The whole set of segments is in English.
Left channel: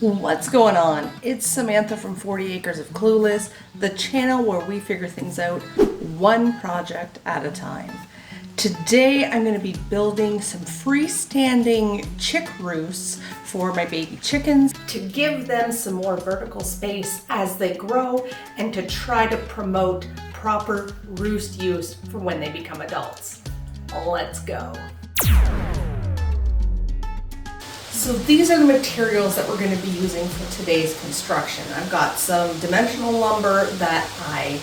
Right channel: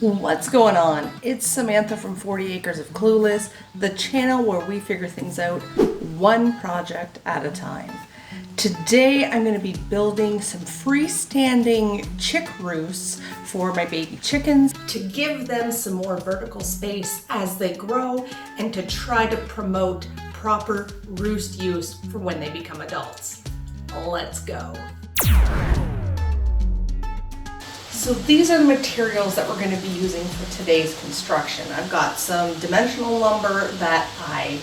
What's going on? It's Samantha from 40 Acres of Clueless, the channel where we figure things out one project at a time. Today I'm going to be building some freestanding chick roosts for my baby chickens to give them some more vertical space as they grow and to try to promote proper roost use for when they become adults. Let's go. So these are the materials that we're going to be using for today's construction. I've got some dimensional lumber that I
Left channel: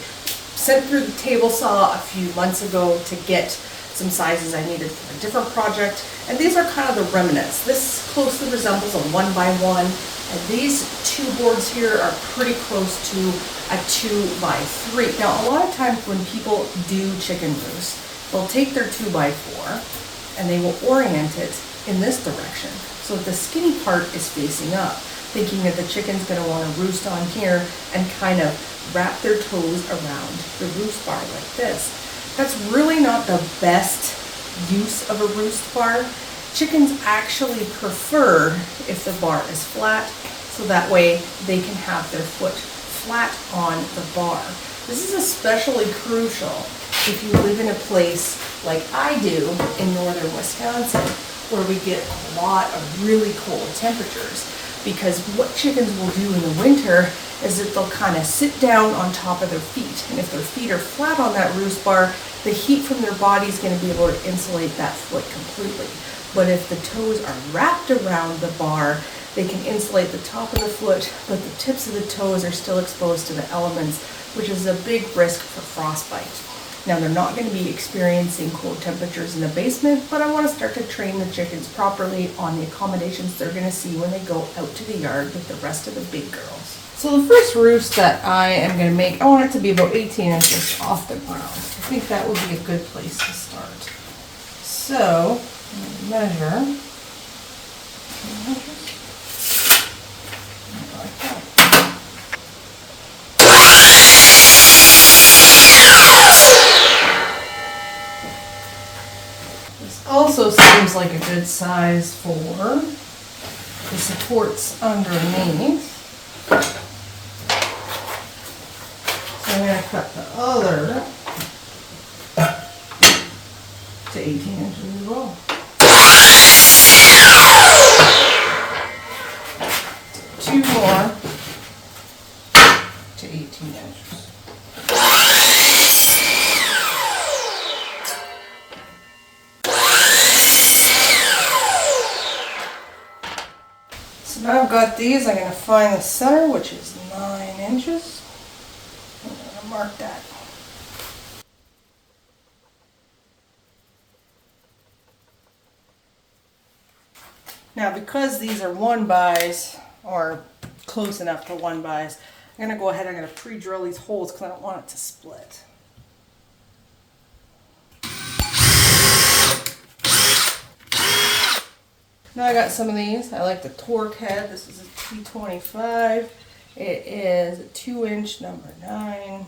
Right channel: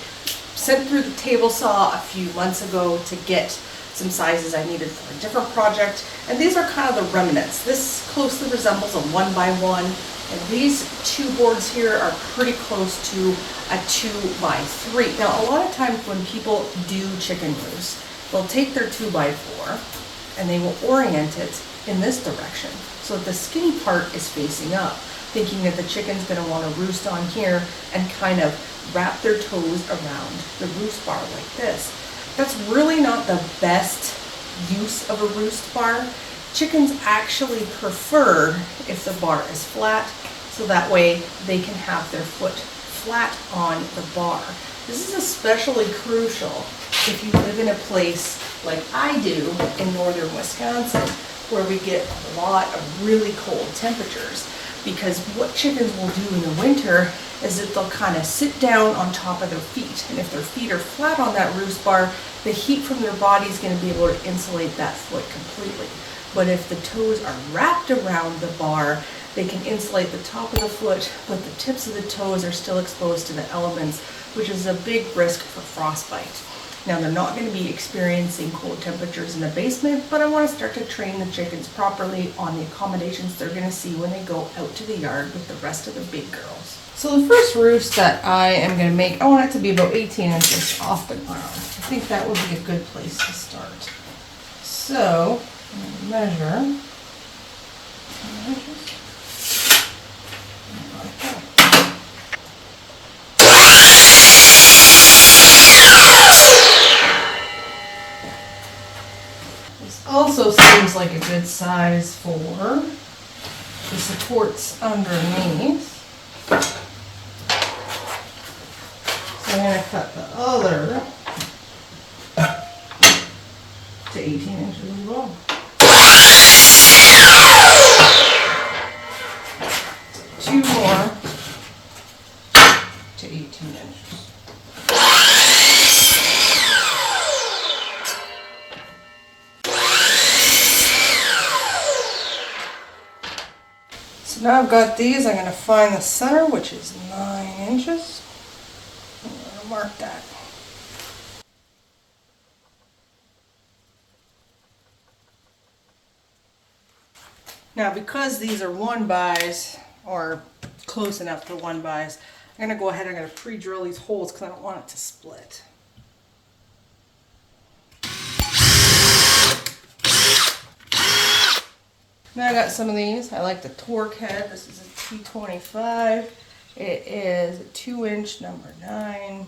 sent through the table saw a few months ago to get some sizes I needed for a different project. And these are kind of the remnants. This closely resembles a 1x1. And these two boards here are pretty close to a 2x3. Now, a lot of times when people do chicken roosts, they'll take their 2x4 and they will orient it in this direction, so that the skinny part is facing up, thinking that the chicken's going to want to roost on here and kind of wrap their toes around the roost bar like this. That's really not the best use of a roost bar. Chickens actually prefer if the bar is flat, so that way they can have their foot flat on the bar. This is especially crucial if you live in a place like I do in northern Wisconsin, where we get a lot of really cold temperatures, because what chickens will do in the winter is that they'll kind of sit down on top of their feet, and if their feet are flat on that roost bar, the heat from their body is going to be able to insulate that foot completely. But if the toes are wrapped around the bar, they can insulate the top of the foot, but the tips of the toes are still exposed to the elements, which is a big risk for frostbite. Now, they're not going to be experiencing cold temperatures in the basement, but I want to start to train the chickens properly on the accommodations they're going to see when they go out to the yard with the rest of the big girls. So the first roost that I am going to make, I want it to be about 18 inches off the ground. I think that would be a good place to start. So I'm going to measure. Also seems like a good size for the supports underneath. So I'm going to cut the other to 18 inches as well. Two more to 18 inches. So now I've got these, I'm going to find the center, which is 9 inches. I'm going to mark that. Now, because these are 1-bys, or close enough to 1-bys, I'm going to go ahead and I'm going to pre-drill these holes because I don't want it to split. Now I got some of these. I like the torque head. This is a T25. It is a 2-inch number 9.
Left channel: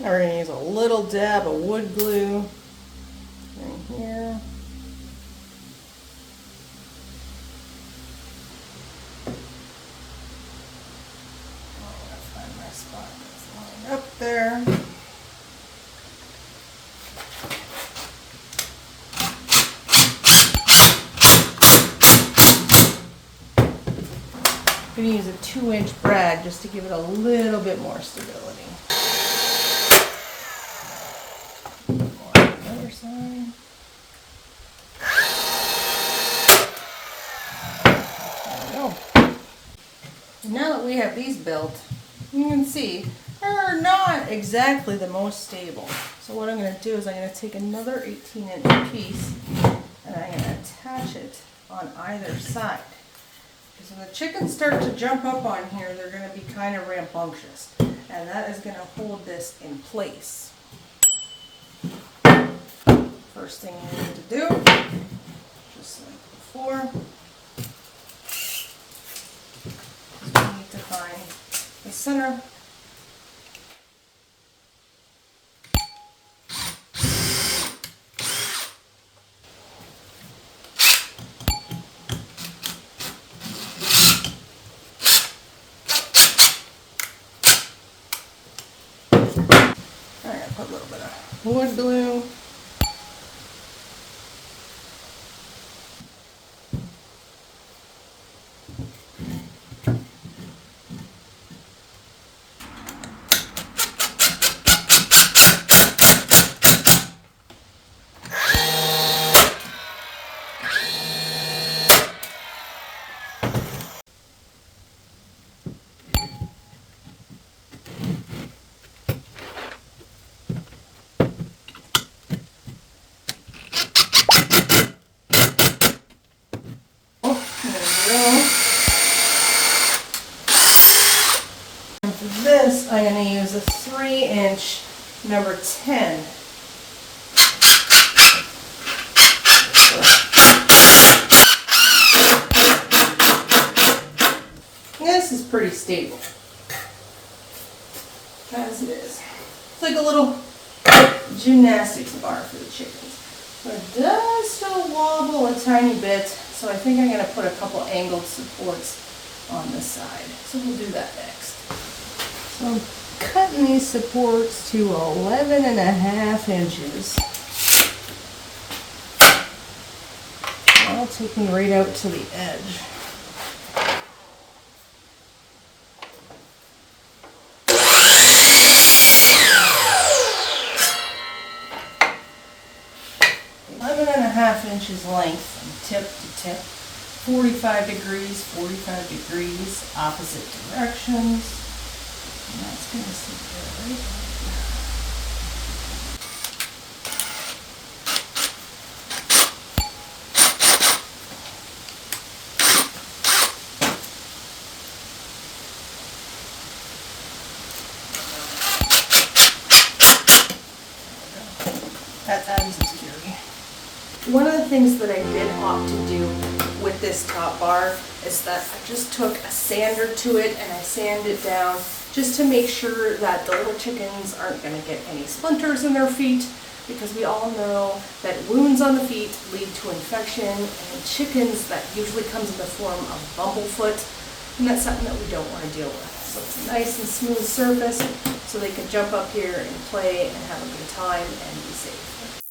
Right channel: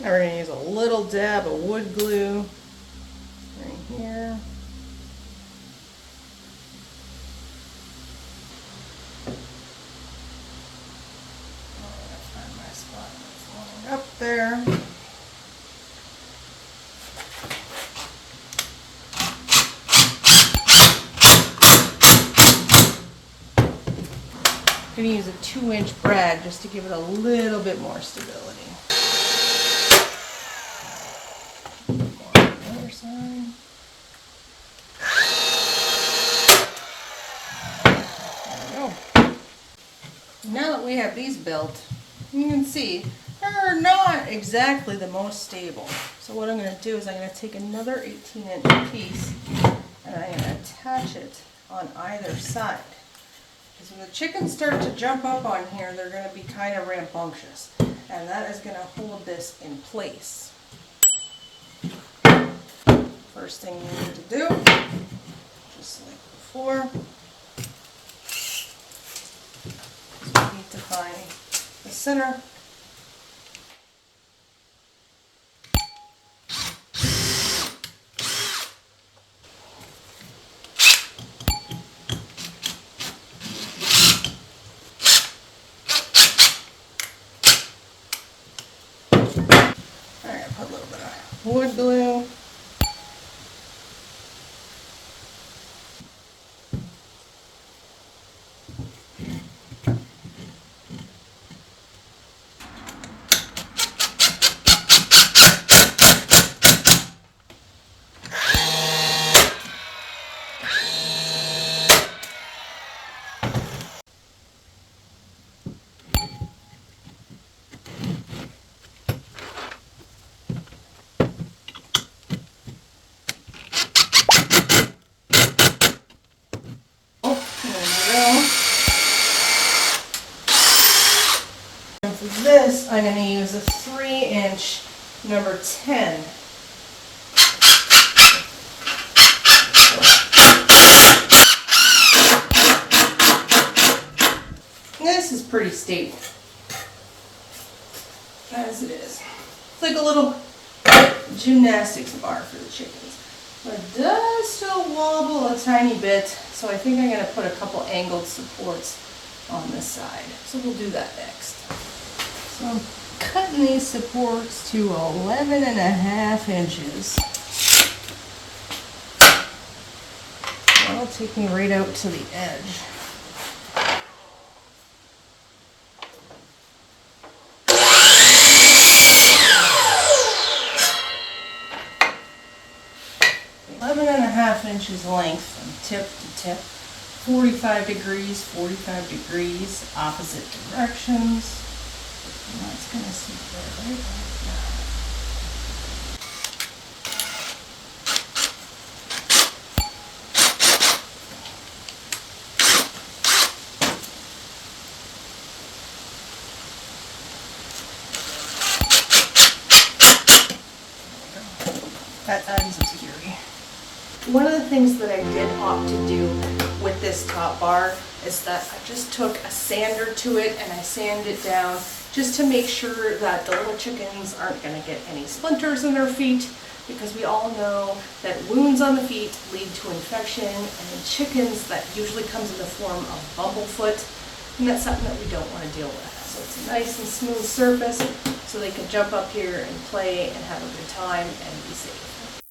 Now we're going to use a little dab of wood glue right here. I'm going to find my spot that's lined up there. I'm going to use a 2-inch brad just to give it a little bit more stability. Side. There we go. Now that we have these built, you can see they're not exactly the most stable. So what I'm going to do is I'm going to take another 18-inch piece and I'm going to attach it on either side. Because when the chickens start to jump up on here, they're going to be kind of rambunctious. And that is going to hold this in place. First thing you need to do, just like before, is we need to find the center. Alright, put a little bit of wood glue. This, I'm going to use a 3-inch number 10. This is pretty stable, as it is. It's like a little gymnastics bar for the chickens. But it does still wobble a tiny bit, so I think I'm going to put a couple angled supports on this side. So we'll do that next. So I'm cutting these supports to 11.5 inches. That'll take me right out to the edge. Inches length from tip to tip, 45 degrees, opposite directions. And that's going to sit there right now. That adds some security. One of the things that I did opt to do with this top bar is that I just took a sander to it and I sanded it down just to make sure that the little chickens aren't going to get any splinters in their feet, because we all know that wounds on the feet lead to infection, and in chickens that usually comes in the form of bumblefoot, and that's something that we don't want to deal with. So it's a nice and smooth surface so they can jump up here and play and have a good time and be safe.